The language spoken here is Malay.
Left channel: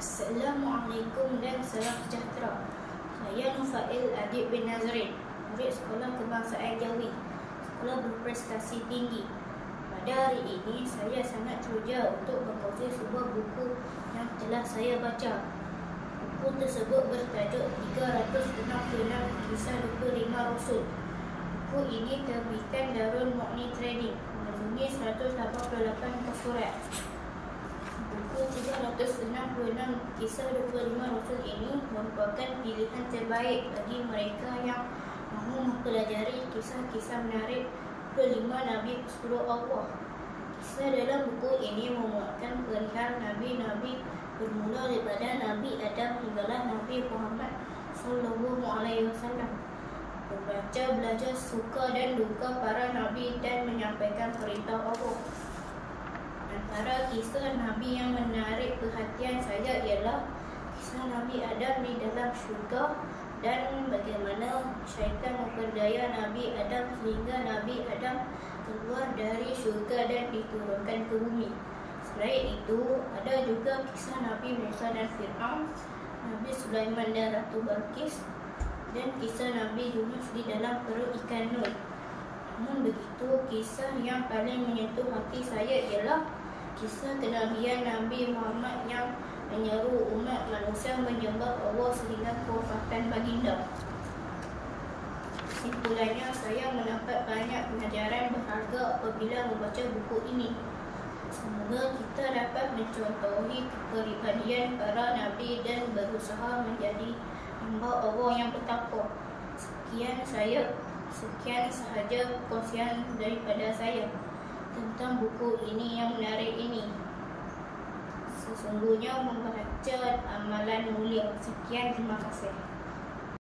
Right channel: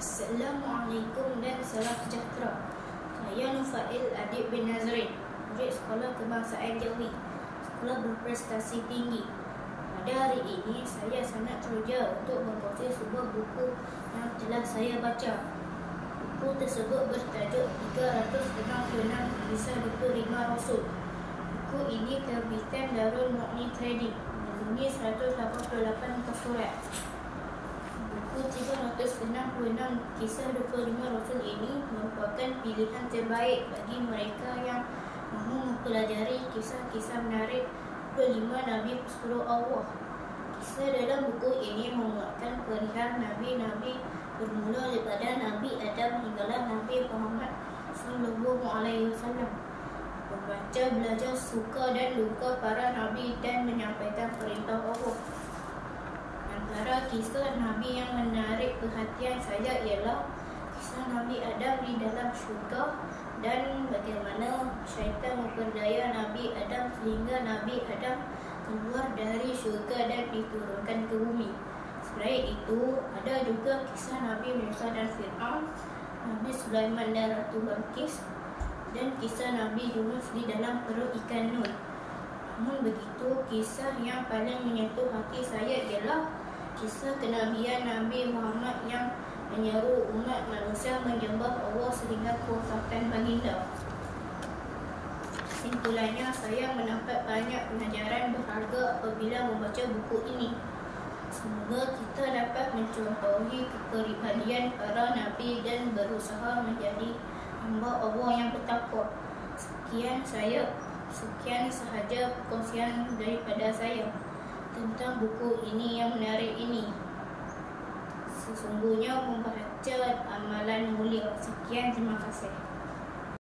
Assalamualaikum dan salam sejahtera. Saya Nufail Adib bin Nazrin, murid Sekolah Kebangsaan Jawi, sekolah berprestasi tinggi. Pada hari ini, saya sangat teruja untuk berkongsi sebuah buku yang telah saya baca. Buku tersebut bertajuk 366 Kisah 25 Rasul. Buku ini terbitan Darul Mu'ni Trading, memenuhi 188 muka surat. Buku 366 Kisah 25 Rasul ini merupakan pilihan terbaik bagi mereka yang mahu mempelajari kisah-kisah menarik 25 Nabi pesuruh Allah. Kisah dalam buku ini memuatkan perihal Nabi-Nabi bermula daripada Nabi Adam hinggalah Nabi Muhammad SAW. Membaca, belajar suka dan duka para Nabi dan menyampaikan perintah Allah. Antara kisah Nabi yang menarik perhatian saya ialah kisah Nabi Adam di dalam syurga dan bagaimana syaitan memperdaya Nabi Adam sehingga Nabi Adam keluar dari syurga dan diturunkan ke bumi. Selain itu, ada juga kisah Nabi Musa dan Fir'aun, Nabi Sulaiman dan Ratu Balqis, dan kisah Nabi Yunus di dalam perut ikan Nun. Namun begitu, kisah yang paling menyentuh hati saya ialah kisah kenabian Nabi Muhammad yang menyeru umat manusia menyembah Allah sehingga kewafatan baginda. Kesimpulannya, saya mendapat banyak pengajaran berharga apabila membaca buku ini. Semoga kita dapat mencontohi kepribadian para Nabi dan berusaha menjadi hamba Allah yang bertakwa. Sekian sahaja perkongsian daripada saya tentang buku ini yang menarik ini. Sesungguhnya membaca amalan mulia. Sekian, terima kasih.